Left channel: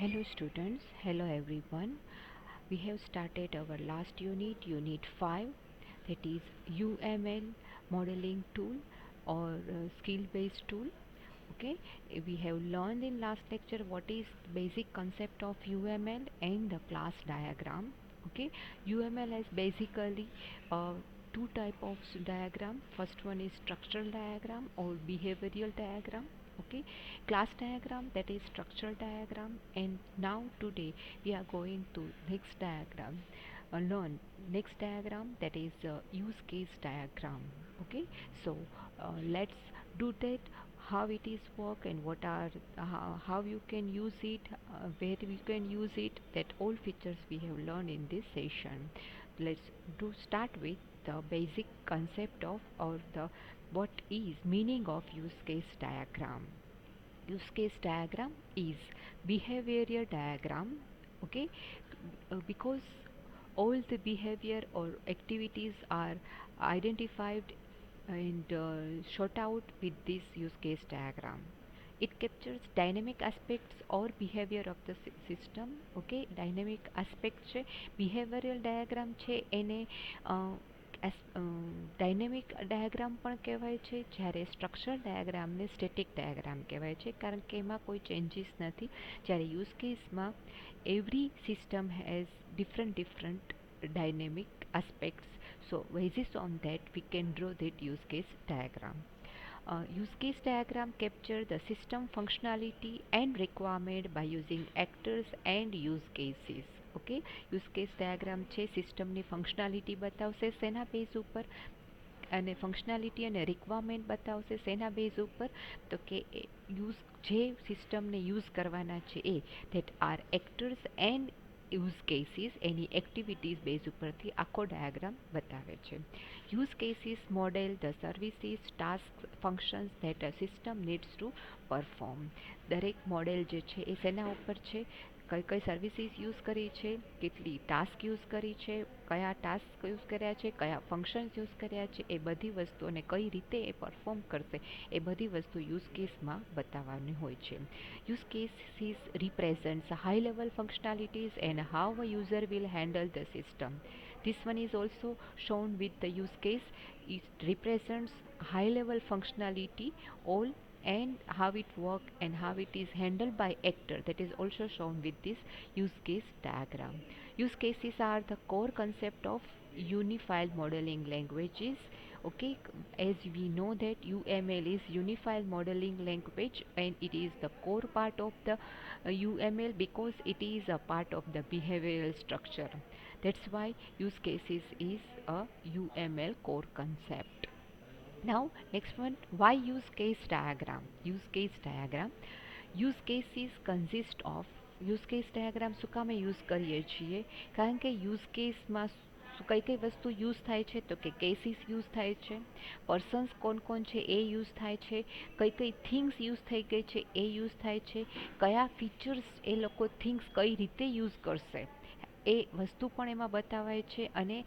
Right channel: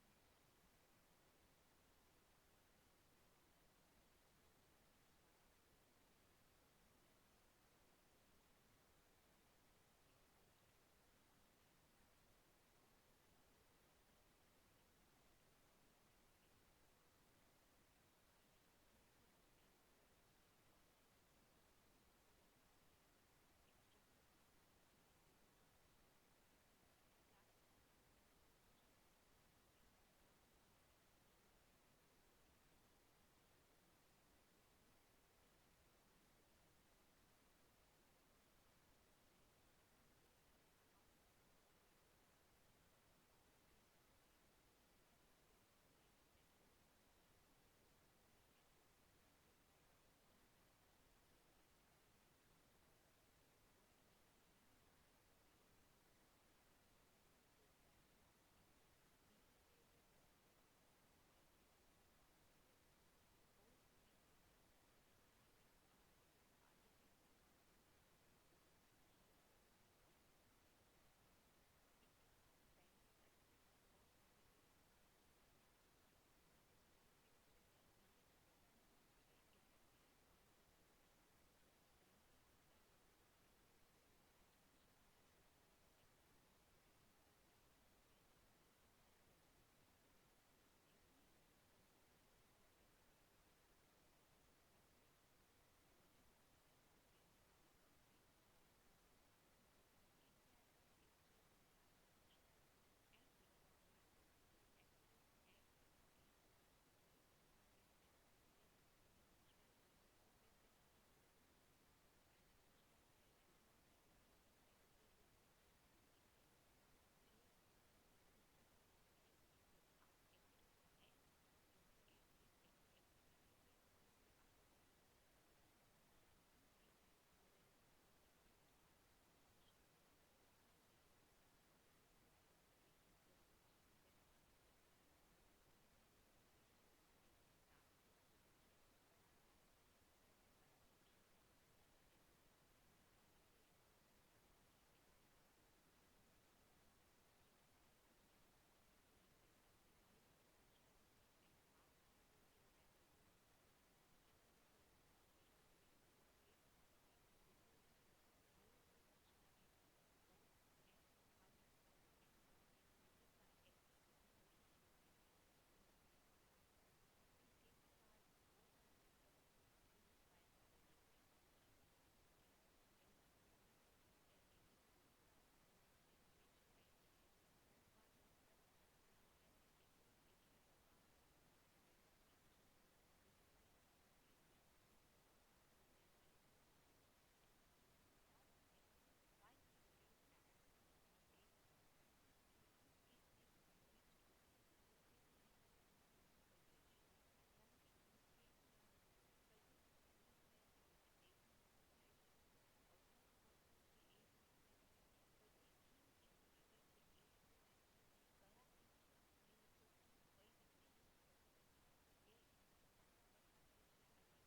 Hello students, hello everyone. We have started our last unit, unit 5, that is UML modeling tool or skill based tool. Okay, we have learned in last lecture what is basic concept of UML and the class diagram. Okay, UML has basically uh, two type of diagram. First one is structural diagram or behavioral diagram. Okay, class diagram, that is structural diagram. And now today we are going to next diagram, learn next diagram, that is use case diagram. Okay, so let's do that, how it is work and what are how you can use it, where we can use it, that all features we have learned in this session. Let's do start with the basic concept of or the what is meaning of use case diagram. Use case diagram is behavioral diagram. Okay, because all the behavior or activities are identified and shot out with this use case diagram. It captures dynamic aspects or behavior of the system. Okay, dynamic aspect છે, behavioral diagram છે એને dynamic diagram પણ કહેવાય છે, જ્યારે structure ડાયાગ્રામને static diagram કહેવાય છે, કારણ કે એમાં કોઈ ચેન્જીસ નથી. જ્યારે યુઝ કેસમાં every system has different dynamic aspects. So basis on that we can draw that use case diagram. Use case diagram capture the system functionality and requirement by using actors and use cases. Okay, use case diagram છે સિસ્ટમની functionality બતાવશે શેના base ઉપર, અને functionality અને requirement બતાવશે શેના base ઉપર, તો કે યુઝ જે સિસ્ટમને યુઝ કરવાના છે એ that are actors and use cases એની એક્ટિવિટીઝ બેઝ ઉપરથી આખો ડાયાગ્રામ બતાવે છે. Use cases model the services task functions that a system needs to perform. દરેક મોડેલ જે છે એ શેના ઉપર છે, કઈ કઈ સર્વિસીસ યુઝ કરી છે, કેટલી ટાસ્ક યુઝ કરી છે, કયા ટાસ્ક યુઝ કર્યા છે, કયા ફંક્શન્સ યુઝ કર્યા છે, એ બધી વસ્તુઓને કઈ રીતે એ પરફોર્મ કરશે એ બધી વસ્તુ યુઝ કેસમાં બતાવવાની હોય છે. Use cases represents high level functionalities and how a user will handle the system. This one is also shown with the use case. It represents high level functionality all and how it works and how it is handled by actor, that is also shown with this use case diagram. Use cases are the core concept of unified modeling languages. Okay, as we know that UML is unified modeling language and it is the core part of the UML because it is a part of the behavioral structure. That's why use cases is a UML core concept. Now next one, why use case diagram? Use case diagram, use cases consist of, use case diagram શું કામે use કરીએ છીએ, કારણ કે use કેસમાં કઈ કઈ વસ્તુ યુઝ થાય છે, તો કે કેસીસ યુઝ થાય છે, પર્સન્સ કોણ કોણ છે એ યુઝ થાય છે, કઈ કઈ થિંગ્સ યુઝ થઈ ગઈ છે એ યુઝ થાય છે, કયા ફીચર્સ એ લોકો થિંગ્સ કઈ રીતે યુઝ કરશે એ વસ્તુ પણ એમાં બતાવાય છે, અને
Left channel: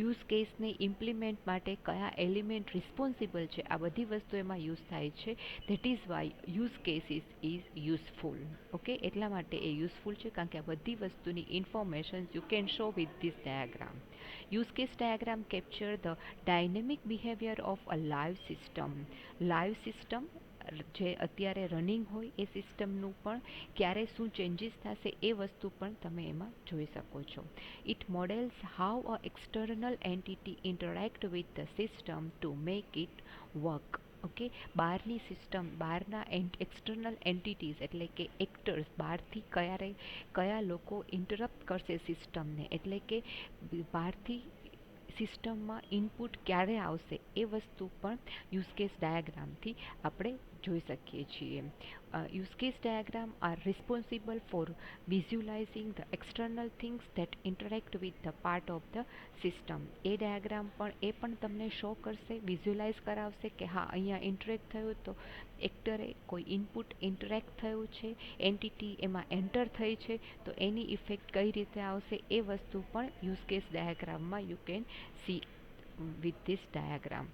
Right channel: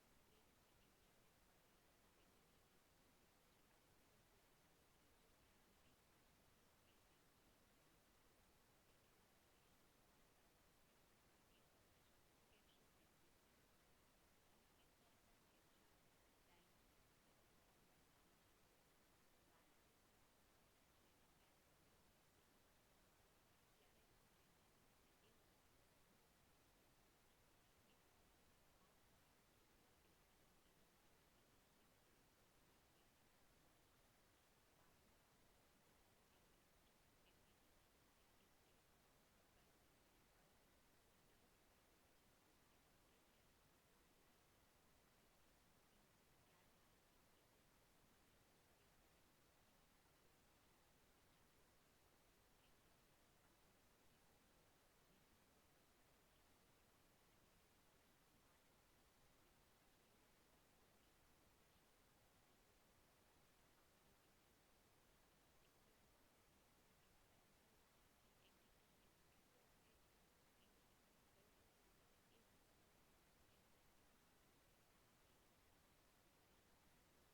યુઝ કેસને ઇમ્પ્લિમેન્ટ માટે કયા એલિમેન્ટ રિસ્પોન્સિબલ છે આ બધી વસ્તુ એમાં યુઝ થાય છે. That is why use cases is useful. Okay, એટલા માટે એ યુઝફુલ છે કારણ કે આ બધી વસ્તુની information you can show with this diagram. Use case diagram capture the dynamic behaviour of a live system. Live system જે અત્યારે રનિંગ હોય એ સિસ્ટમનું પણ ક્યારે શું ચેન્જીસ થશે એ વસ્તુ પણ તમે એમાં જોઈ શકો છો. It models how a external entity interact with the system to make it work. Okay, બહારની સિસ્ટમ, બહારના એક્સટર્નલ એન્ટિટીઝ એટલે કે એક્ટર્સ, બહારથી કયા લોકો ઇન્ટરપ્ટ કરશે સિસ્ટમને, એટલે કે બહારથી સિસ્ટમમાં ઇનપુટ ક્યારે આવશે એ વસ્તુ પણ યુઝ કેસ ડાયાગ્રામથી આપણે જોઈ શકીએ છીએ. Use case diagram R responsible four visualising the external things that interact with the part of the system. A diagram પણ એ પણ તમને શો કરશે, વિઝ્યુલાઇઝ કરાવશે કે હા અહીંયા ઇન્ટરેક્ટ થયું, તો એક્ટરે કોઈ ઇનપુટ ઇન્ટરેક્ટ થયું છે, એન્ટિટી એમાં એન્ટર થઈ છે, તો એની ઇફેક્ટ કઈ રીતે આવશે એ વસ્તુ પણ યુઝ કેસ ડાયાગ્રામમાં you can see with this diagram.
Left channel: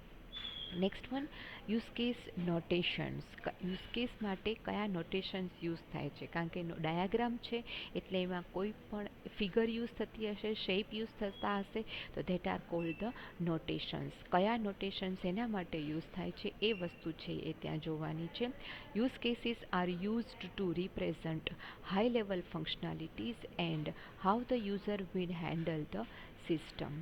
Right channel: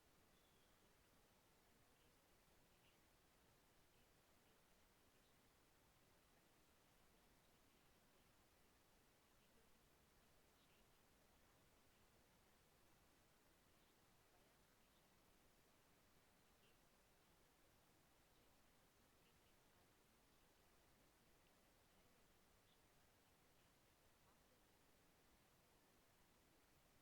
Next one, use case notations. Use case માટે કયા નોટેશન્સ યુઝ થાય છે, કારણ કે ડાયાગ્રામ છે એટલે એમાં કોઈ પણ ફિગર યુઝ થતી હશે, શેપ યુઝ થતા હશે, તો ધેટ આર કોલ્ડ ધ નોટેશન્સ. કયા નોટેશન્સ એના માટે યુઝ થાય છે એ વસ્તુ છે એ ત્યાં જોવાની છે. Use cases are used to represent high level functionalities and how the user will handle the system.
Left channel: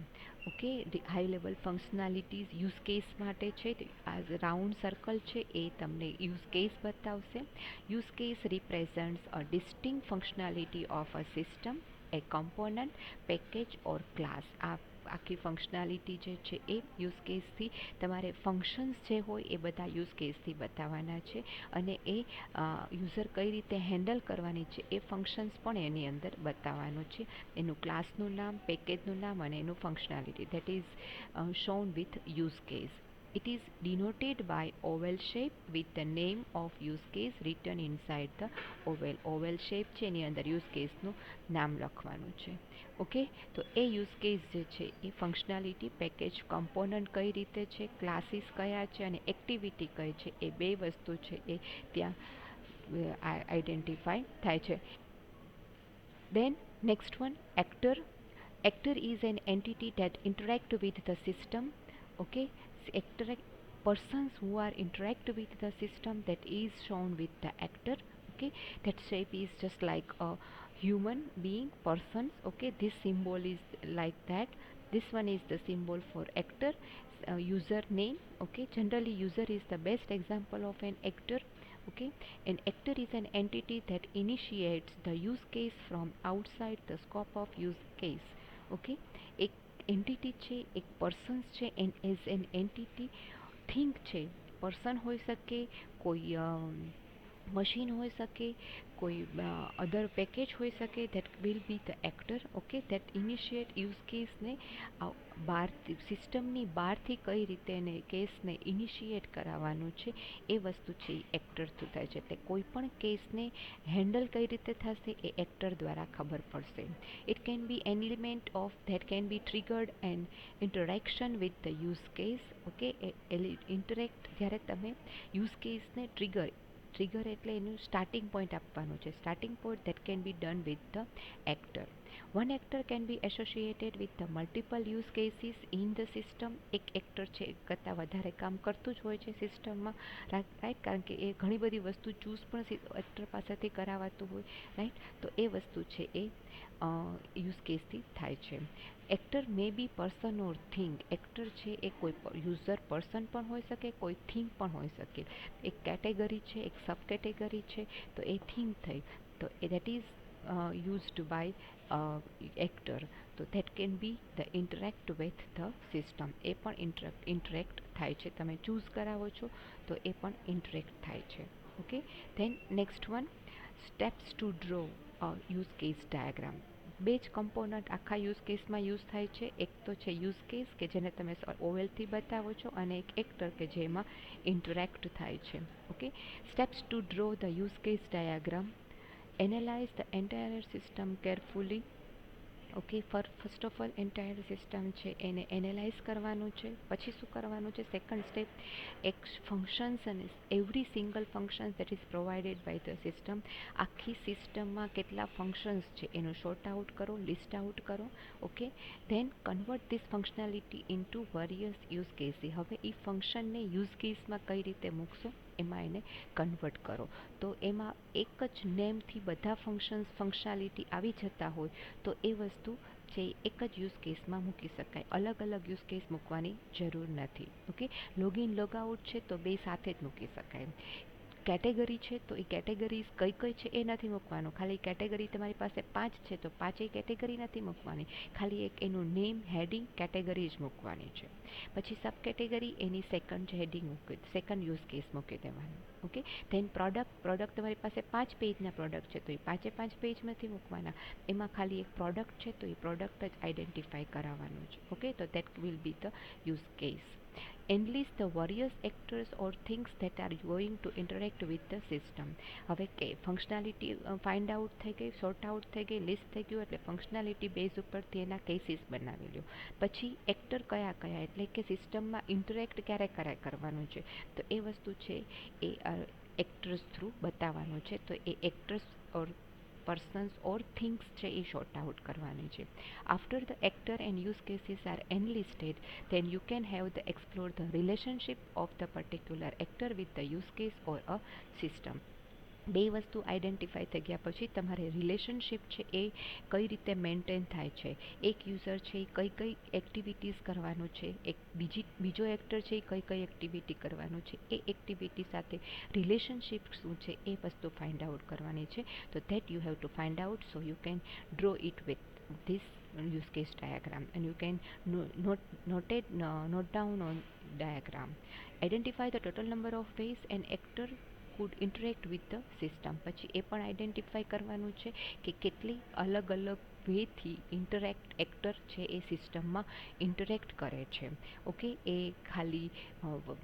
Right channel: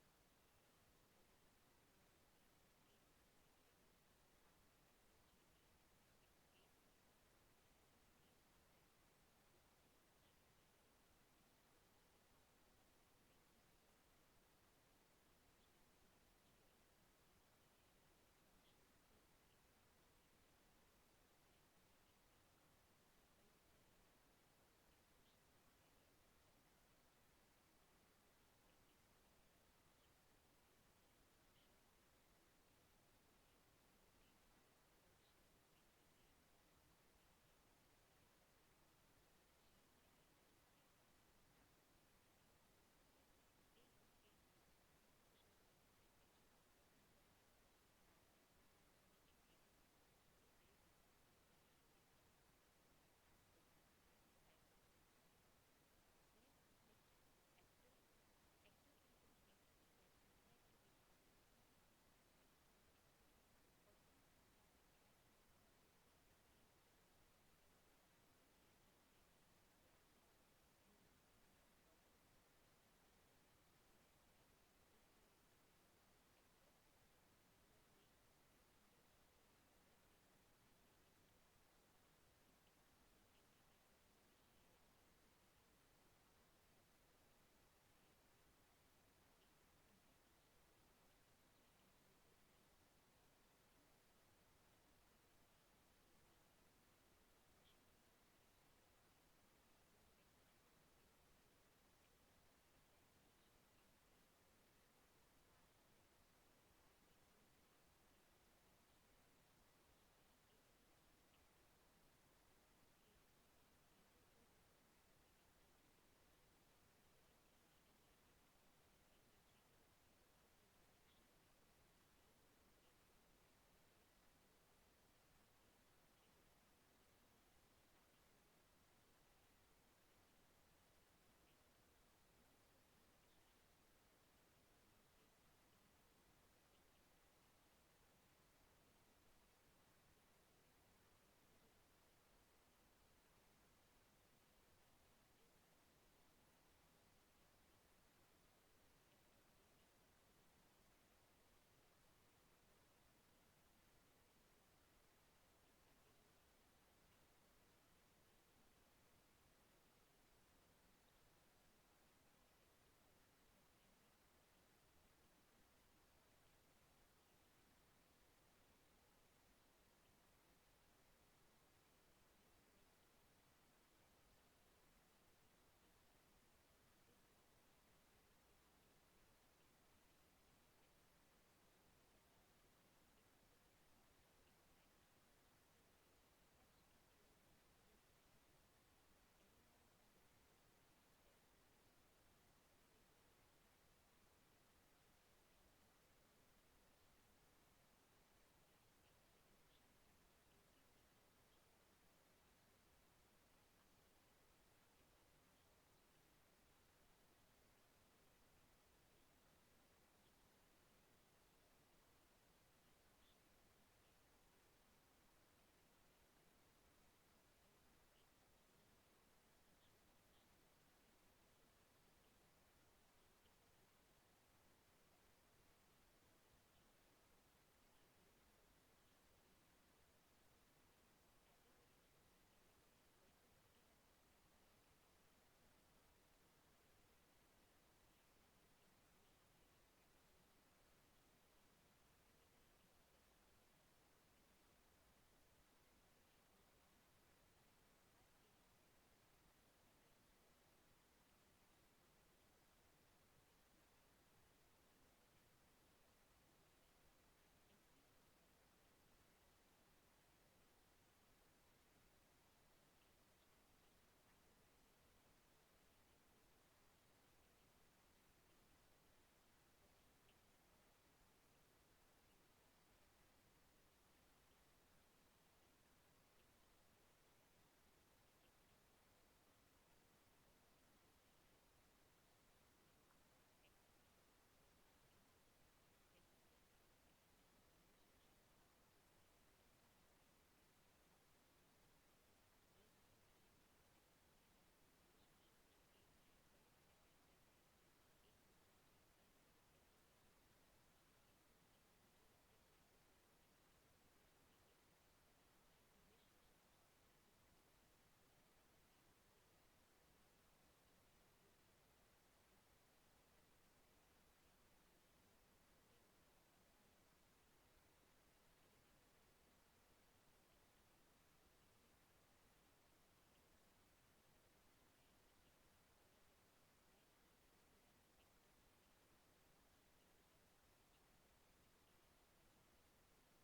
Okay, high level functionalities use case માટે છે. આ રાઉન્ડ સર્કલ છે એ તમને યુઝ કેસ બતાવશે. Use case represents a distinct functionality of a system, a component, package or class. આ આખી functionality જે છે એ યુઝ કેસથી તમારે ફંક્શન્સ જે હોય એ બધા યુઝ કેસથી બતાવવાના છે, અને એ યુઝર કઈ રીતે હેન્ડલ કરવાની છે એ ફંક્શન્સ પણ એની અંદર બતાવવાનું છે. એનું ક્લાસનું નામ, પેકેજનું નામ અને એનું functionality, that is shown with use case. It is denoted by oval shape with the name of use case written inside the oval. Oval shape છે એની અંદર use case નું નામ લખવાનું છે. ઓકે, તો એ યુઝ કેસ જે છે એ ફંક્શનાલિટી, પેકેજ, કમ્પોનન્ટ કઈ રીતે છે, ક્લાસીસ કયા છે અને એક્ટિવિટી કઈ છે, એ બે વસ્તુ છે એ ત્યાં આઈડેન્ટિફાઈ થાય છે. Then next one, actor. Actor is an entity that interact with the system. Okay, actor, persons who are interact with the system, that is shown with the actor. Okay, that shape is just like a human being, persons. Okay, this symbol is like that. This one is the symbol for actor. User name. Okay, generally user is the best example of an actor. Okay, an actor is an entity that initiates the use case from outside the scope of use case. Okay, એક entity છે, એક persons છે, and as an entity think છે. Person હોઈ શકે, કોઈ machine હોઈ શકે, કોઈ અધર પેકેજ હોઈ શકે, that will be the actor. Okay, that initiate use કેસને બહારથી, સિસ્ટમની બહારથી કઈ રીતે એને કેસને ઇનિશિયેટ કરાવવાનું છે એ વસ્તુ છે એ એક્ટર થ્રુ થાય છે. એટલે કોઈ પણ કેસને હેન્ડલ કઈ રીતે થશે એ એક્ટર દ્વારા ખબર પડશે. It can be an element of that can be triggered and interaction with the use case. Okay, interact જ્યારે તમે યુઝ કેસને ટ્રિગર એટલે એનું સ્ટાર્ટિંગ પોઈન્ટ આપવાનું છે. Starting point that can B done with the actor. One actor can be associated with the multiple use cases in the system. એક actor છે એક કરતાં વધારે કામ કરતું જ હોય છે સિસ્ટમમાં, રાઈટ, કારણ કે એ ઘણી બધી વસ્તુ ચૂઝ પણ એક્ટર પાસેથી કરાવાતું હોય, રાઈટ. તો એ વસ્તુ છે એ યુઝ કેસથી થાય છે. Actor may be person or thing. Actor છે એ કોઈ યુઝર પર્સન પણ હોઈ શકે, કોઈ થિંગ પણ હોઈ શકે. એક કેટેગરી છે, એક સબ કેટેગરી છે, તો એ થિંગ થઈ, તો that is used by actor. તો that can be the interact with the system. એ પણ interact થાય છે. તમે ચૂઝ કરાવો છો તો એ પણ interact થાય છે. Okay, then next one, steps to draw a use case diagram. બે જ કમ્પોનન્ટ આખા યુઝ કેસમાં યુઝ થાય છે. એક તો છે યુઝ કેસ કે જેને તમે ઓવેલથી બતાવો છો, અને એક એક્ટર કે જેમાં ઇન્ટરેક્ટ થાય છે. Okay, steps to draw the use case diagram. Analyze the entire system carefully. Okay, first of all entire system છે એને એનાલાઇઝ કરવાનું છે. પછી શું કરવાનું છે, સેકન્ડ સ્ટેપ, એક ફંક્શન્સ અને every single functions that is provided by the system. આખી સિસ્ટમમાં કેટલા ફંક્શન્સ છે એનું શોર્ટ આઉટ કરો, લિસ્ટ આઉટ કરો. Okay, then convert this functionality into various use cases. હવે એ ફંક્શનને યુઝ કેસમાં કઈ રીતે મૂકશો એમાં એને કન્વર્ટ કરો. તો એમાં એક જ નેમથી બધા ફંક્શનાલિટી આવી જતા હોય તો એ વસ્તુ છે એક જ યુઝ કેસમાં મૂકી શકાય. અલગ અલગ યુઝ કેસ મૂકવાની જરૂર નથી. ઓકે, લોગિન લોગઆઉટ છે તો બે સાથે જ મૂકી શકાય. કેટેગરી છે તો એ કેટેગરીઝ કઈ કઈ છે એ નથી મૂકવાનું. ખાલી કેટેગરી તમારી પાસે 5 છે તો 5 કેટેગરી નથી મૂકવાની. ખાલી એક એનું નેમ, હેડિંગ, કેટેગરી જ મૂકવાની છે. પછી સબ કેટેગરી એની સેકન્ડ હેડિંગ મૂકી, સેકન્ડ યુઝ કેસ મૂકી દેવાનું. ઓકે, ધેન પ્રોડક્ટ તમારી પાસે 5 પેજના પ્રોડક્ટ છે તો એ 5 પેજ નથી મૂકવાના. એમાં ખાલી એક પ્રોડક્ટ છે તો એ પ્રોડક્ટ જ આઈડેન્ટિફાઈ કરાવવાનું છે. ઓકે, તો that will be the use case. enlist the various actors or things that are going to interact with the system. હવે કે ફંક્શનાલિટી ફાઇન્ડ આઉટ થઈ ગઈ, સોર્ટ આઉટ થઈ ગઈ, લિસ્ટ થઈ ગયું, એટલે ફંક્શનાલિટી બેઝ ઉપરથી એના કેસીસ બનાવી લ્યો. પછી એક્ટર કયા કયા, એટલે કે સિસ્ટમમાં ઇન્ટરેક્ટ ક્યારે ક્યારે કરવાનું છે, તો એ વસ્તુ છે એ એક્ટર્સ થ્રુ બતાવવાનું છે. તો એ actors or persons or things છે એ શોર્ટ આઉટ કરવાની છે. After the actor and use cases are enlisted, then you can have the explore the relationship of the particular actor with the use case or a system. બે વસ્તુ identify થઈ ગયા પછી તમારે relationship છે એ કઈ રીતે મેન્ટેન થાય છે, એક યુઝર છે એ કઈ કઈ એક્ટિવિટીઝ કરવાનું છે, એક બીજો એક્ટર છે એ કઈ કઈ એક્ટિવિટી કરવાનું છે, એ એક્ટિવિટી સાથે રિલેશનશિપ શું છે એ વસ્તુ ફાઇન્ડ આઉટ કરવાની છે. તો that you have to find out, so you can draw it with this use case diagram and you can note down on diagram. Identify the total number of ways an actor could interact with the system. પછી એ પણ identify કરવાનું છે કે કેટલી અલગ અલગ વેથી interact actor છે એ સિસ્ટમમાં ઇન્ટરેક્ટ કરે છે. ઓકે, એ ખાલી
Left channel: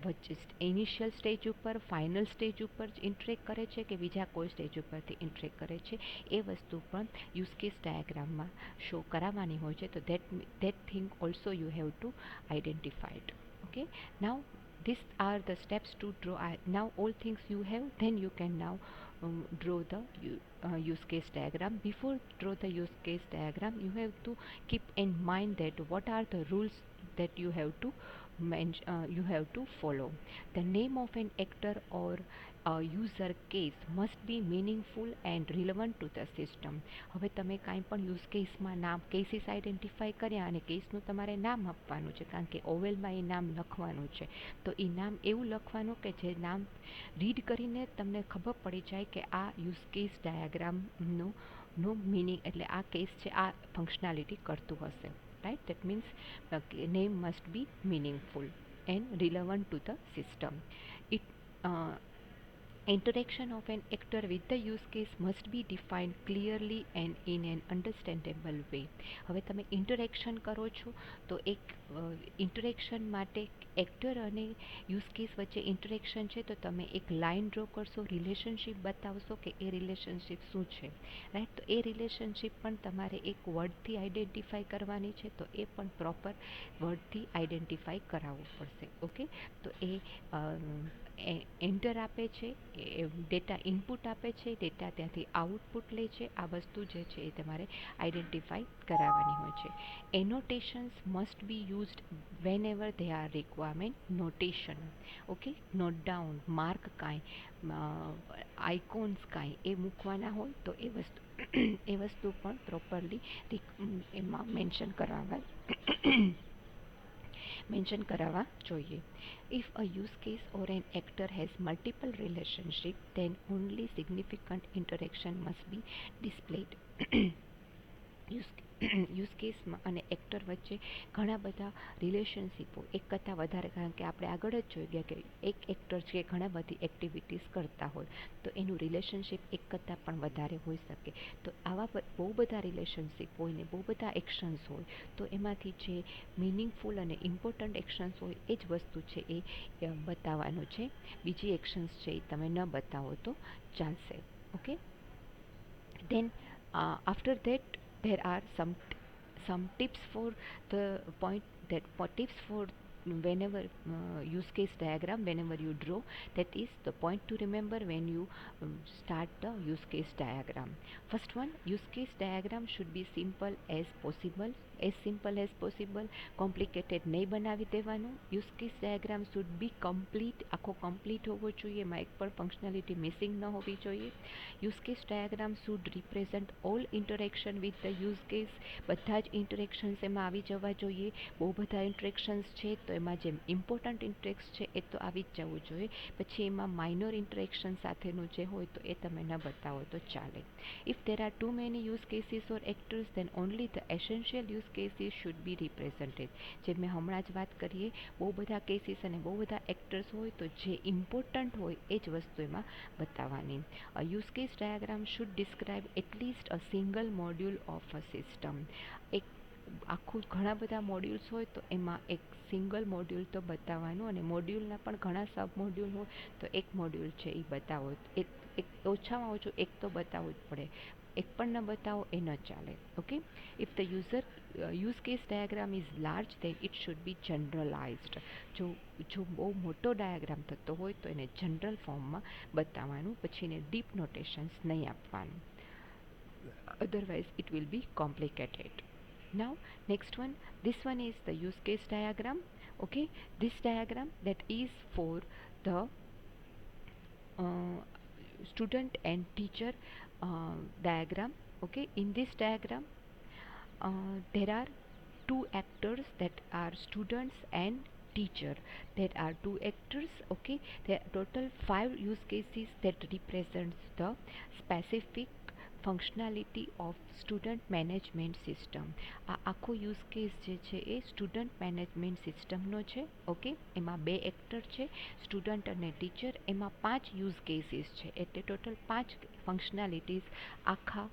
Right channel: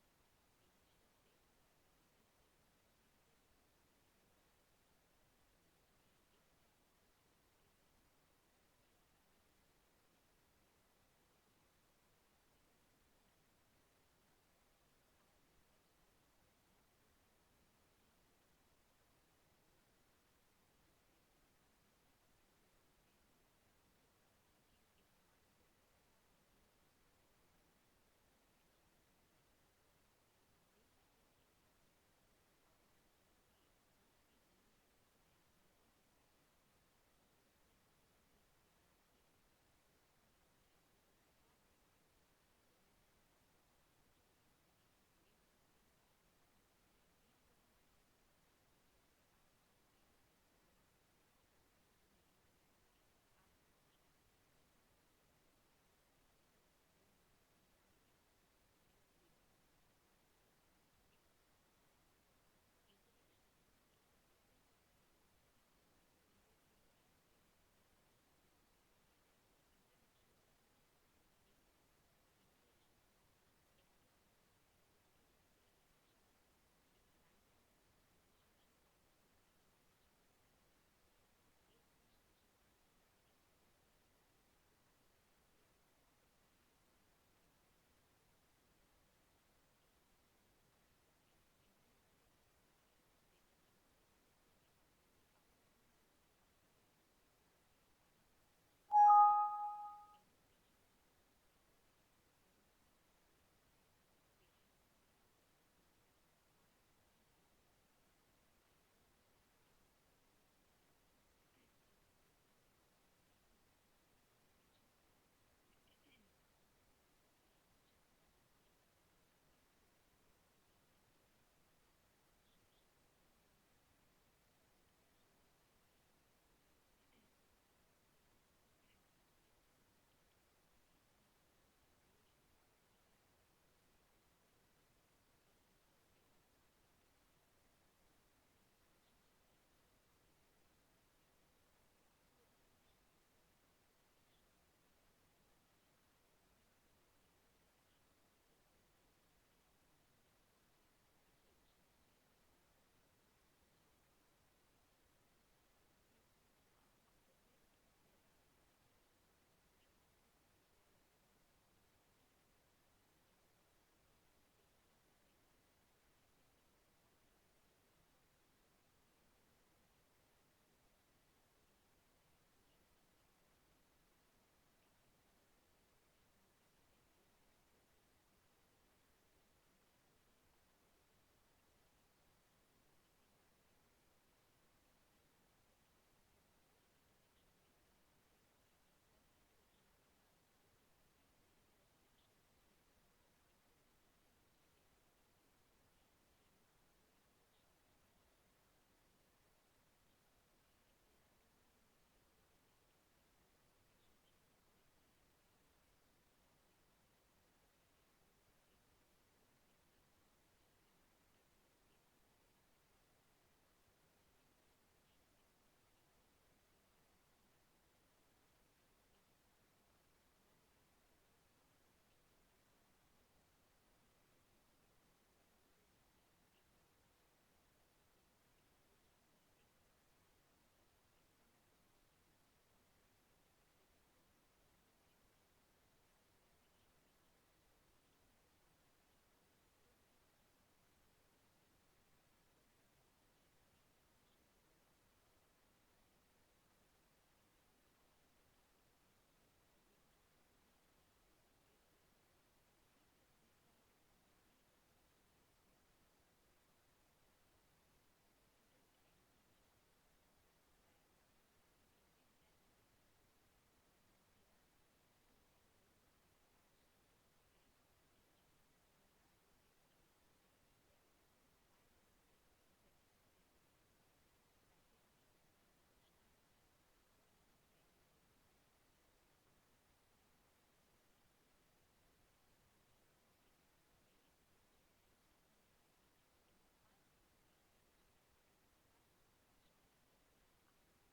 વચ્ચે ઇનિશિયલ સ્ટેજ ઉપર, ફાઇનલ સ્ટેજ ઉપર જ ઇન્ટરેક્ટ કરે છે કે બીજા કોઈ સ્ટેજ ઉપરથી ઇન્ટરેક્ટ કરે છે, એ વસ્તુ પણ યુઝ કેસ ડાયાગ્રામમાં શો કરાવવાની હોય છે. તો that thing also you have to identify it. Okay, now these are the steps to draw. Now all things you have, then you can now draw the use case diagram. Before draw the use case diagram, you have to keep in mind that what are the rules that you have to you have to follow. The name of an actor or user case must be meaningful and relevant to the system. હવે તમે કાંઈ પણ use કેસમાં નામ cases identify કર્યા અને કેસનું તમારે નામ આપવાનું છે, કારણ કે ઓવેલમાં એ નામ લખવાનું છે. તો એ નામ એવું લખવાનું કે જે નામ રીડ કરીને તમને ખબર પડી જાય કે આ યુઝ કેસ ડાયાગ્રામનો મિનિંગ, એટલે આ કેસ છે આ ફંક્શનાલિટી કરતું હશે. Right, that means name must be meaningful and relevant to the system. It interaction of an actor with the use case must be defined clearly and in an understandable way. હવે તમે interaction કરો છો તો એક interaction માટે actor અને use case વચ્ચે interaction છે તો તમે એક લાઇન ડ્રો કરશો, રિલેશનશિપ બતાવશો કે એ રિલેશનશિપ શું છે. રાઈટ, તો એ રિલેશનશિપ પણ તમારે એક વર્ડથી આઈડેન્ટિફાઈ કરવાની છે, તો એ પણ પ્રોપર વર્ડથી આઈડેન્ટિફાઈ કરાવવું પડશે. ઓકે, તો એ એન્ટર આપે છે, એ ડેટા ઇનપુટ આપે છે, ડેટા ત્યાંથી આઉટપુટ લે છે, આ વસ્તુ જે છે એ તમારે આઈડેન્ટિફાઈ કરાવવાની હોય છે. Annotations must be used whenever they are requirement. Notation, okay, note down, mark કાંઈ, આઇકોન્સ કાંઈ એ મૂકવાના હોય તો એ વસ્તુ પણ પ્રોપરલી એમાં મેન્શન કરાવવા જોઈએ. If a use case or an actor has multiple relationships, then only significant interaction must be displayed. Use કેસમાં અને એક્ટર વચ્ચે ઘણા બધા રિલેશનશિપો એક કરતાં વધારે, કારણ કે આપણે આગળ જ જોઈ ગયા કે એક એક્ટર છે ઘણા બધી એક્ટિવિટીઝ કરતા હોય તો એનું રિલેશનશિપ એક કરતાં પણ વધારે હોઈ શકે. તો આવા બહુ બધા રિલેશનશિપ હોય ને બહુ બધા એક્શન્સ હોય તો એમાંથી જે મિનિંગફુલ અને ઇમ્પોર્ટન્ટ એક્શન્સ હોય એ જ વસ્તુ છે એ બતાવવાનું છે. બીજી એક્શન્સ છે એ તમે ન બતાવો તો ચાલશે. Okay, then after that there are some tips for the point that tips for whenever use case diagram, whenever you draw, that is the point to remember when you start the use case diagram. First one, use case diagram should be simple as possible. Complicated નહીં બનાવી દેવાનું. Use case diagram should be complete, આખો complete હોવો જોઈએ, એમાં એક પણ functionality missing ન હોવી જોઈએ. Use case diagram should represent all interaction with the use case. બધા જ ઇન્ટરેક્શન્સ એમાં આવી જવા જોઈએ. બહુ બધા ઇન્ટરેક્શન્સ છે તો એમાં જે ઇમ્પોર્ટન્ટ ઇન્ટરેક્શન છે એ તો આવી જ જવું જોઈએ. પછી એમાં માઇનોર ઇન્ટરેક્શન સાથેનું જે હોય તો એ તમે ન બતાવો તો ચાલે. If there are too many use cases or actors, then only the essential use cases should be represented. જે મેં હમણાં જ વાત કરીએ, બહુ બધા કેસીસ અને બહુ બધા એક્ટર્સ હોય તો જે ઇમ્પોર્ટન્ટ હોય એ જ વસ્તુ એમાં બતાવવાની. A use case diagram should describe at least a single module of a system. એક આખું ઘણા બધા મોડ્યુલ્સ હોય તો એમાં એક સિંગલ મોડ્યુલ તો બતાવવાનું, અને મોડ્યુલના પણ ઘણા સબ મોડ્યુલ હોય તો એક મોડ્યુલ છે એ બતાવો, એક ઓછામાં ઓછું એક તો બતાવવું જ પડે. એક પણ ન બતાવો એ ન ચાલે. Okay, if the use case diagram is large then it should be generalized. જો બહુ મોટો ડાયાગ્રામ થતો હોય તો એને જનરલ ફોર્મમાં બતાવવાનું, પછી એને ડીપ નોટેશન્સ નહીં આપવાનું, otherwise it will be complicated. Now next one, this one is the use case diagram. Okay, this diagram that is for the uh, student and teacher diagram. Okay, in this diagram there are two actors, that are students and teacher. There are two actors. Okay, there are total 5 use cases that represents the specific functionality of student management system. આ આખો use case જે છે એ student management સિસ્ટમનો છે. Okay, એમાં 2 actor છે, student અને teacher. એમાં 5 યુઝ કેસીસ છે, એટલે ટોટલ 5 ફંક્શનાલિટીઝ આખા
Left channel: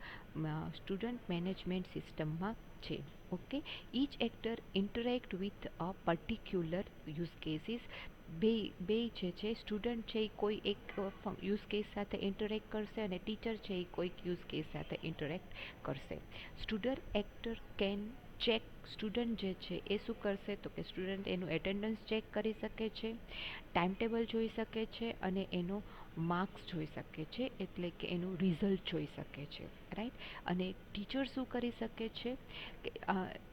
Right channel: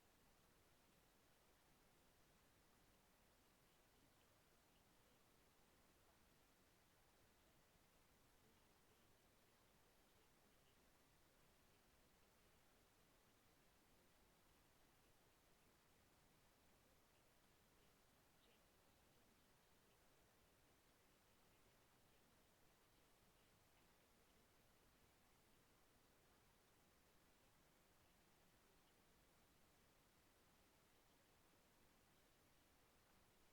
સ્ટુડન્ટ મેનેજમેન્ટ સિસ્ટમમાં છે. Okay, each actor interact with a particular use cases. બે જે છે, સ્ટુડન્ટ છે એ કોઈ એક યુઝ કેસ સાથે ઇન્ટરેક્ટ કરશે, અને ટીચર છે એ કોઈક યુઝ કેસ સાથે ઇન્ટરેક્ટ કરશે. Student actor can check, student જે છે એ શું કરશે તો કે સ્ટુડન્ટ એનું એટેન્ડન્સ ચેક કરી શકે છે, ટાઈમ ટેબલ જોઈ શકે છે, અને એનો માર્ક્સ જોઈ શકે છે, એટલે કે એનું રિઝલ્ટ જોઈ શકે છે. રાઈટ. અને ટીચર શું કરી શકે છે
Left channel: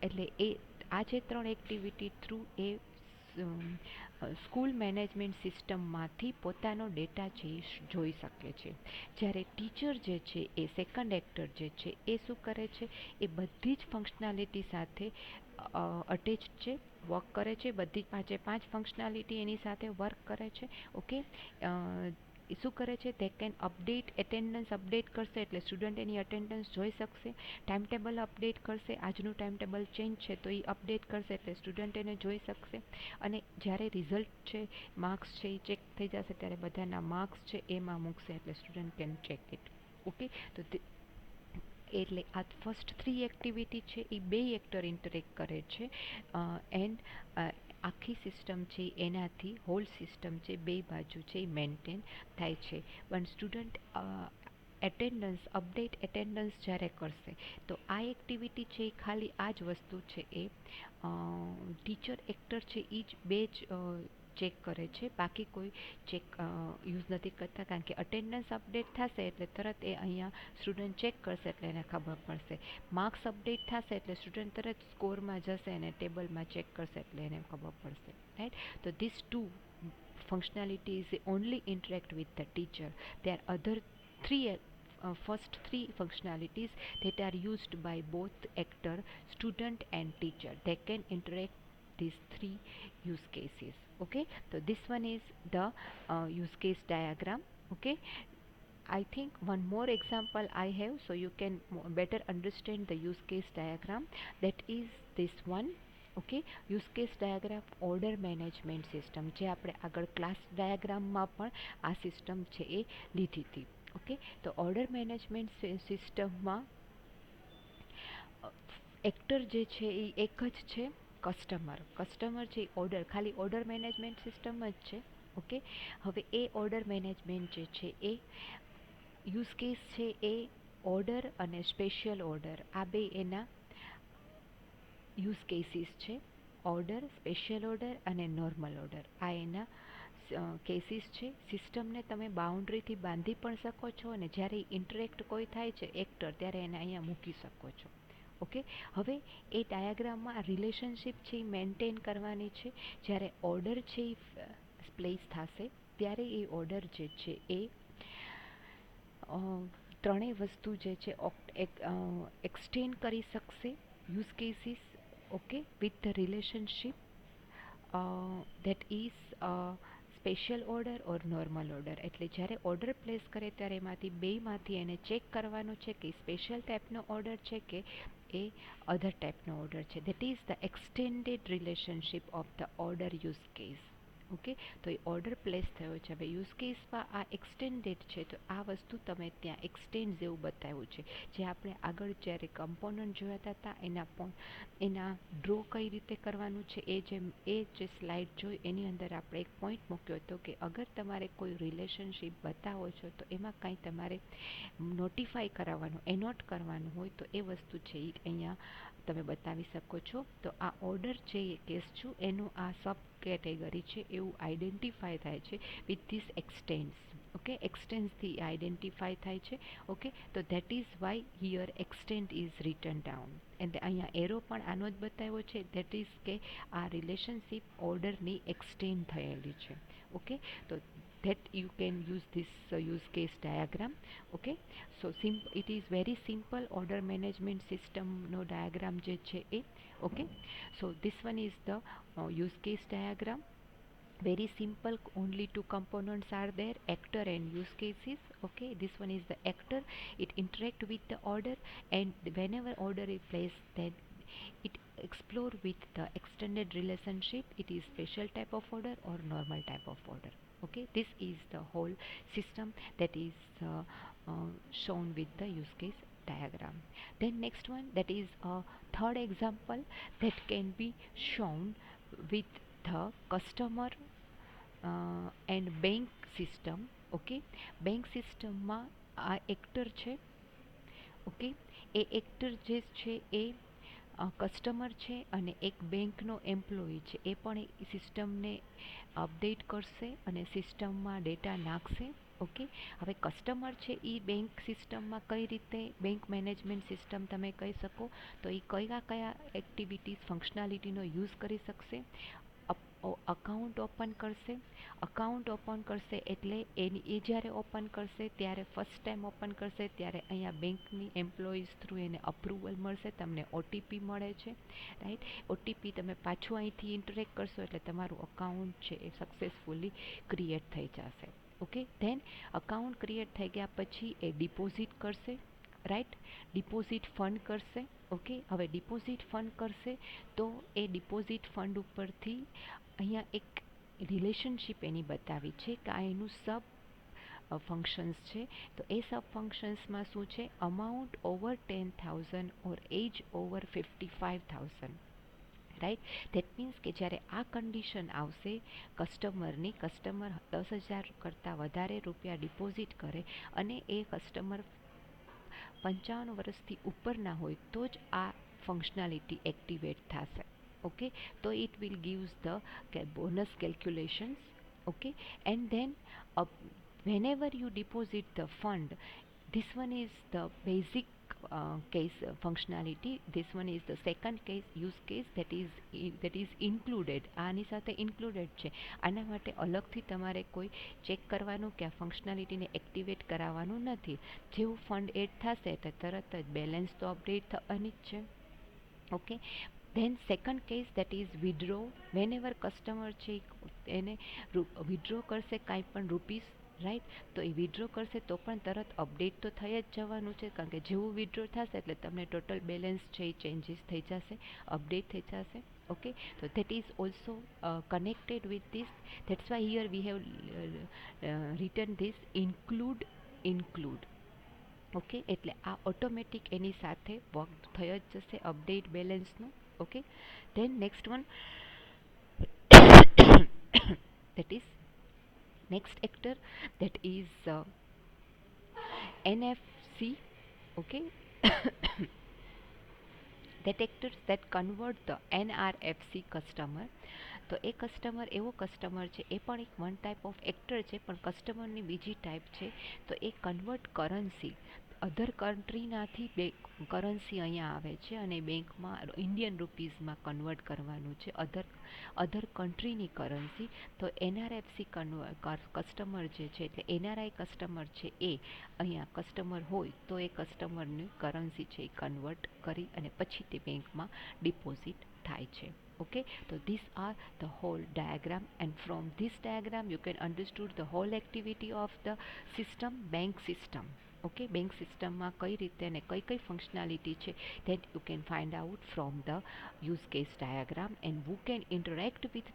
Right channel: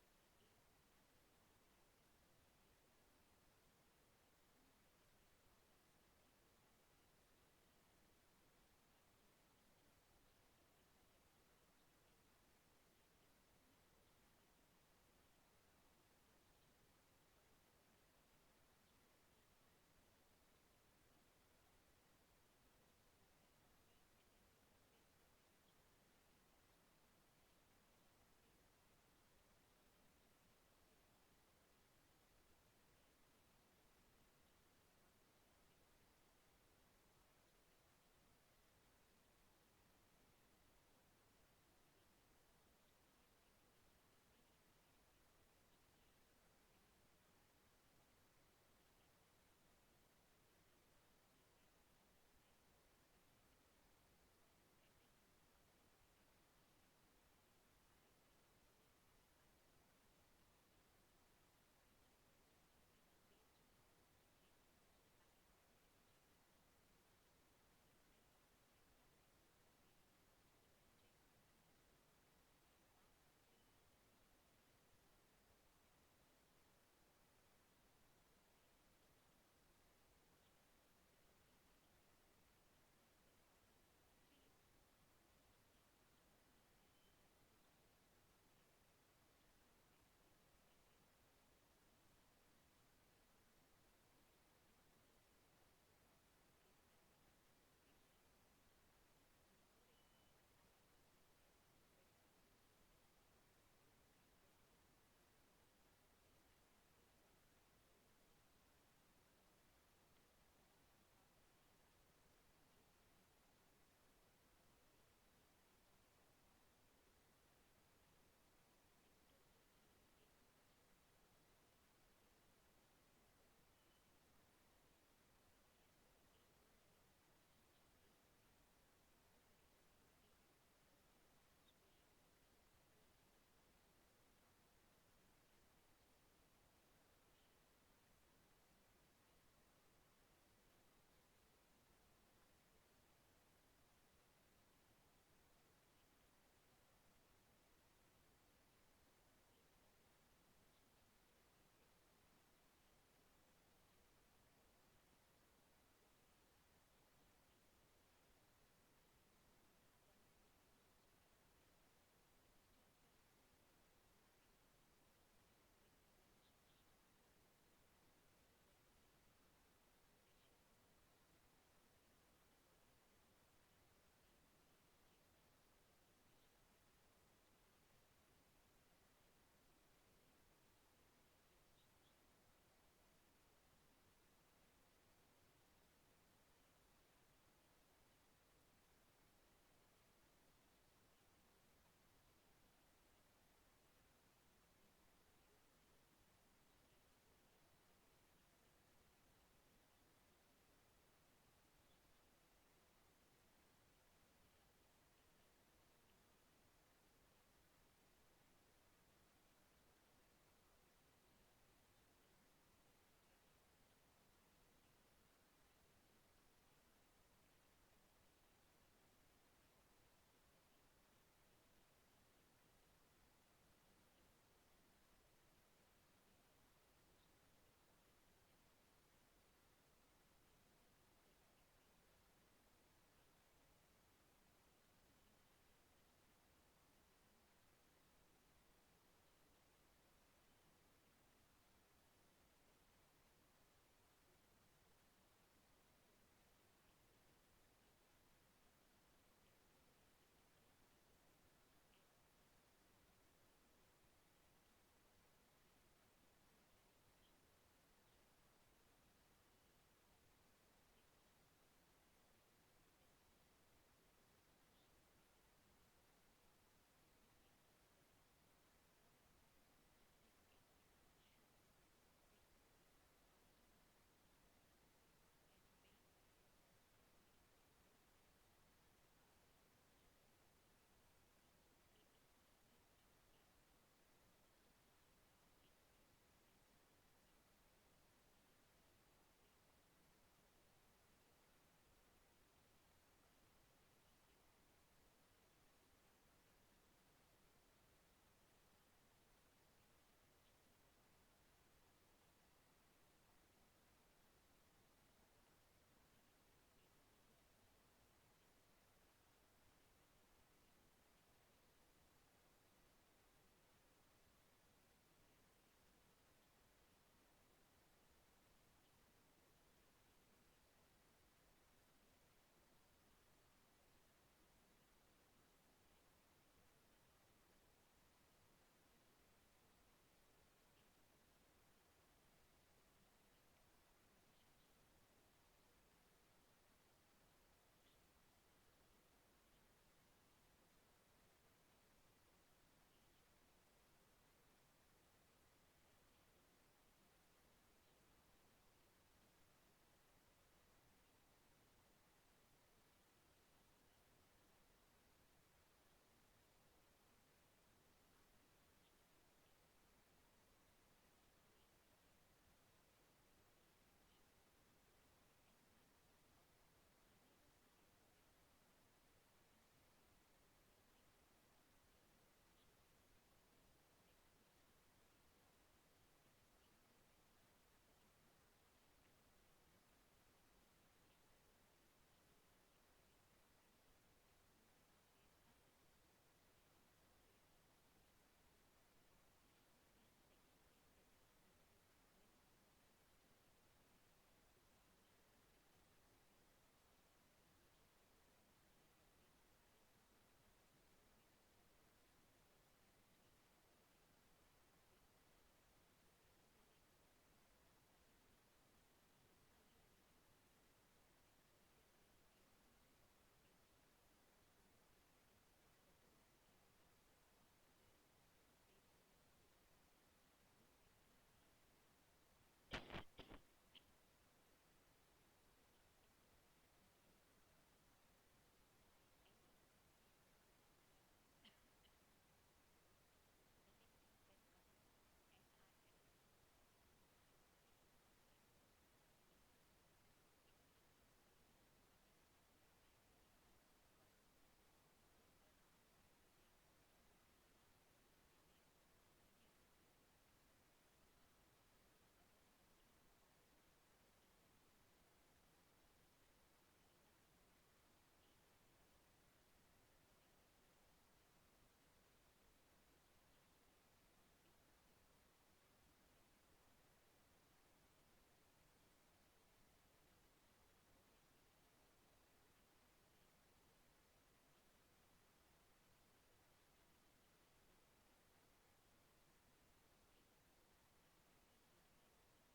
એટલે એ આ જે 3 એક્ટિવિટી થ્રુ એ સ્કૂલ મેનેજમેન્ટ સિસ્ટમમાંથી પોતાનો ડેટા છે જોઈ શકે છે. જ્યારે ટીચર જે છે એ સેકન્ડ એક્ટર જે છે એ શું કરે છે, એ બધી જ ફંક્શનાલિટી સાથે અટેચ છે, વર્ક કરે છે. બધી જ 5 ફંક્શનાલિટી એની સાથે વર્ક કરે છે. ઓકે, એ શું કરે છે, તે કેન અપડેટ, એટેન્ડન્સ અપડેટ કરશે એટલે સ્ટુડન્ટ એની અટેન્ડન્સ જોઈ શકશે. ટાઈમ ટેબલ અપડેટ કરશે, આજનું ટાઈમ ટેબલ ચેન્જ છે તો એ અપડેટ કરશે એટલે સ્ટુડન્ટ એને જોઈ શકશે. અને જ્યારે રિઝલ્ટ છે, માર્ક્સ છે એ ચેક થઈ જશે ત્યારે બધાના માર્ક્સ છે એમાં મૂકશે એટલે student can check it. Okay, તો એટલે આ ફર્સ્ટ 3 એક્ટિવિટી છે એ 2 એક્ટર ઇન્ટરેક્ટ કરે છે, એન્ડ આખી સિસ્ટમ છે એનાથી હોલ સિસ્ટમ છે બે બાજુ છે એ મેન્ટેન થાય છે. પણ સ્ટુડન્ટ એટેન્ડન્સ અપડેટ એટેન્ડન્સ જ્યારે કરશે તો આ એક્ટિવિટી છે એ ખાલી આ જ વસ્તુ છે એ ટીચર એક્ટર છે એ જ બે જ ચેક કરે છે, બાકી કોઈ ચેક યુઝ નથી કરતા. કારણ કે અટેન્ડન્સ અપડેટ થશે એટલે તરત એ અહીંયા સ્ટુડન્ટ ચેક કરશે એટલે એને ખબર પડશે. માર્ક્સ અપડેટ થશે એટલે સ્ટુડન્ટ તરત સ્કોરમાં જશે અને ટેબલમાં ચેક કરશે એટલે એને ખબર પડશે. રાઈટ. તો this two functionalities only interact with the teacher. There are other first 3 functionalities that are used by both actor, student and teacher. They can interact these 3 use cases. Okay, so this one is the use case diagram. Okay, I think one more example I have so you can better understand the use case diagram. That is this one. Okay, use case diagram order management system, જે આપણે આગળ class ડાયાગ્રામમાં પણ આ system છે એ લીધી હતી. Okay, તો ઓર્ડર મેનેજમેન્ટ સિસ્ટમમાં એક્ટર જે છે એ એક જ છે, કસ્ટમર છે ઓર્ડર, ખાલી ઓર્ડર મેનેજમેન્ટ સિસ્ટમ જ છે. ઓકે, હવે એ ઓર્ડર મેનેજમેન્ટ જે છે એ યુઝ કેસ છે એ ઓર્ડર અને સ્પેશિયલ ઓર્ડર, આ બે એના યુઝ કેસીસ છે. ઓર્ડર, સ્પેશિયલ ઓર્ડર અને નોર્મલ ઓર્ડર, આ એના કેસીસ છે. સિસ્ટમને તમે બાઉન્ડ્રીથી બાંધી પણ શકો છો, અને જ્યારે ઇન્ટરેક્ટ કોઈ થાય છે એક્ટર ત્યારે એને અહીંયા મૂકી શકો છો. ઓકે, હવે એ ડાયાગ્રામમાં રિલેશનશિપ છે એ મેન્ટેન કરવાની છે. જ્યારે ઓર્ડર છે એ પ્લેસ થશે ત્યારે એ ઓર્ડર જે છે એ ત્રણેય વસ્તુ જે છે એક્સટેન્ડ કરી શકશે use cases. Okay, with the relationship that is special order or normal order. એટલે જ્યારે ઓર્ડર પ્લેસ કરે ત્યારે એમાંથી બેમાંથી એને ચેક કરવાનું છે કે સ્પેશિયલ ટાઈપનો ઓર્ડર છે કે એ અધર ટાઈપનો ઓર્ડર છે. That is the extended relationship of the order use case. Okay, તો એ ઓર્ડર પ્લેસ થયો છે. હવે યુઝ કેસમાં આ એક્સટેન્ડેડ છે, તો આ વસ્તુ તમે ત્યાં એક્સટેન્ડ જેવું બતાવ્યું છે. જે આપણે આગળ જ્યારે કમ્પોનન્ટ જોયા હતા એના ડ્રો કઈ રીતે કરવાનું છે એ જે સ્લાઇડ જોઈ એની અંદર આપણે એક પોઈન્ટ મૂક્યો હતો કે અગર તમારે કોઈ રિલેશનશિપ બતાવો છો તો એમાં કાંઈ તમારે નોટિફાઈ કરાવવાનું એનોટ કરવાનું હોય તો એ વસ્તુ છે એ અહીંયા તમે બતાવી શકો છો. તો આ ઓર્ડર છે એ કેસ છું એનું આ સબ કેટેગરી છે એવું આઈડેન્ટિફાય થાય છે વિથ ધીસ એક્સટેન્સ. ઓકે, એક્સટેન્સથી આઈડેન્ટિફાય થાય છે. ઓકે, તો that is why here extent is return down. And અહીંયા એરો પણ આનો જ બતાવ્યો છે, ધેટ ઇઝ કે આ રિલેશનશિપ ઓર્ડરની એક્સટેન્ડ થયેલી છે. ઓકે, તો that you can use this use case diagram. Okay, so it is very simple order management system no diagram je છે એ. Okay, so this one is the use case diagram. Very simple, only two components are there, actor and use cases. Okay, this one is the actor, it interact with the order, and whenever order is placed then it explore with the extended relationship, it is special type of order or normal type of order. Okay, this is the whole system that is shown with the use case diagram. Then next one, that is a third example that can be shown with the customer and bank system. Okay, bank સિસ્ટમમાં આ actor છે. Okay, એ actor જે છે એ customer છે અને એક બેંકનો employee છે. એ પણ એ સિસ્ટમને અપડેટ કરશે અને સિસ્ટમમાં ડેટા નાખશે. ઓકે, હવે કસ્ટમર છે એ બેંક સિસ્ટમમાં કઈ રીતે બેંક મેનેજમેન્ટ સિસ્ટમ તમે કહી શકો તો એ કયા કયા એક્ટિવિટીઝ ફંક્શનાલિટીનો યુઝ કરી શકશે. અકાઉન્ટ ઓપન કરશે. અકાઉન્ટ ઓપન કરશે એટલે એ જ્યારે ઓપન કરશે ત્યારે ફર્સ્ટ ટાઈમ ઓપન કરશે ત્યારે અહીંયા બેંકની એમ્પ્લોઈઝ થ્રુ એને અપ્રુવલ મળશે, તમને ઓટીપી મળે છે. રાઈટ, ઓટીપી તમે પાછું અહીંથી ઇન્ટરેક્ટ કરશો એટલે તમારું અકાઉન્ટ છે એ સક્સેસફુલી ક્રિએટ થઈ જશે. ઓકે, ધેન અકાઉન્ટ ક્રિએટ થઈ ગયા પછી એ ડિપોઝિટ કરશે. રાઈટ, ડિપોઝિટ ફંડ કરશે. ઓકે, હવે ડિપોઝિટ ફંડ કરશે તો એ ડિપોઝિટ ફંડ ઉપરથી અહીંયા એક રિલેશનશિપ એની બતાવી છે કે આ એનું સબ ફંક્શન્સ છે. તો એ સબ ફંક્શન્સમાં શું છે, amount over 10,000 or age over 55,000. Right, that means કે જ્યારે આ કન્ડિશન આવશે કસ્ટમરની, કસ્ટમર 10,000 કરતાં વધારે રૂપિયા ડિપોઝિટ કરે અને એ કસ્ટમર 55 વર્ષથી ઉપરના હોય તો જ આ ફંક્શનાલિટી એક્ટિવેટ થશે. ઓકે, તો it will gives the bonus calculations. Okay, and then whenever you deposit the fund, this one is the basic case functionality. This one is the second case use case that is included. આની સાથે included છે. આના માટે અલગથી તમારે કોઈ check કરવાનું કે આ ફંક્શનાલિટીને એક્ટિવેટ કરાવવાનું નથી. જેવું ફંડ એડ થશે એટલે તરત જ બેલેન્સ તો અપડેટ થવાની જ છે. Okay, then second case that is withdraw. whenever customer છે એને વિડ્રો કરશે કાંઈ પણ રૂપીસ, રાઈટ, તો એ વિડ્રો કરશે તો પણ તરત અપડેટ તો થઈ જ જવાનું છે કારણ કે જેવું વિડ્રો થશે એટલે તમને ટોટલ બેલેન્સ છે એ ચેન્જીસ થઈ જશે, અપડેટ થઈ જશે. ઓકે, તો that is also connected with this. that's why here we have written this include. Okay, એટલે આ ઓટોમેટિક એની સાથે વર્ક થઈ જ જશે અપડેટ બેલેન્સનું. Okay, then next one that is next actor, that is NFC. Okay, that actors that convert the NRFC customer. તો એ customer એવો કસ્ટમર છે, એ પણ એક વન ટાઈપ ઓફ એક્ટર છે પણ કસ્ટમરની બીજી ટાઈપ છે. તો એ કન્વર્ટ કરન્સી અધર કન્ટ્રીનાથી કરન્સી અહીંયા આવે છે અને બેંકમાં ઇન્ડિયન રૂપીઝમાં કન્વર્ટ કરવાનું છે અધર કન્ટ્રીની કરન્સી. તો એનઆરએફસી કસ્ટમર જે છે એટલે એનઆરઆઈ કસ્ટમર છે એ અહીંયા કસ્ટમર હોય તો એ કસ્ટમરની કરન્સી છે એ કન્વર્ટ કરી અને પછી તે બેંકમાં ડિપોઝિટ થાય છે. Okay, so these are the whole diagram, and from this diagram you can understood the whole activity of the system, bank system. Okay, bank સિસ્ટમમાં કઈ રીતે અને કઈ કઈ ફંક્શનાલિટી છે, that you can find out from the use case diagram, and who can interact with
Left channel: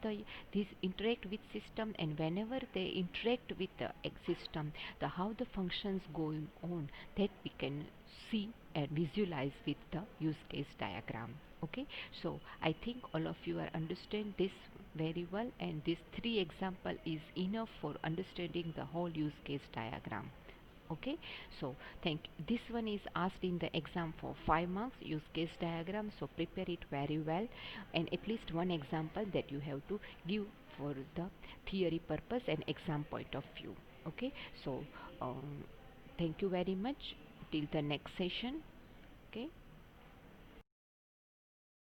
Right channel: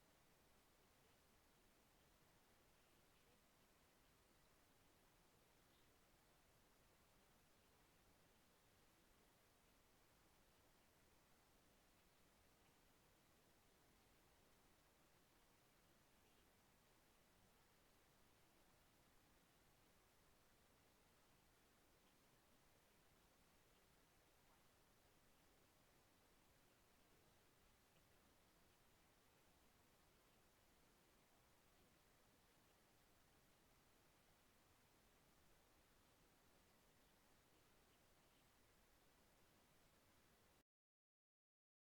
this interact with system, and whenever they interact with the system, the how the functions going on, that we can see and visualize with the use case diagram. Okay, so I think all of you are understand this very well, and this three example is enough for understanding the whole use case diagram. Okay, so thank this one is asked in the exam for 5 marks, use case diagram, so prepare it very well, and at least one example that you have to give for the theory purpose and exam point of view. Okay, so thank you very much till the next session. Okay.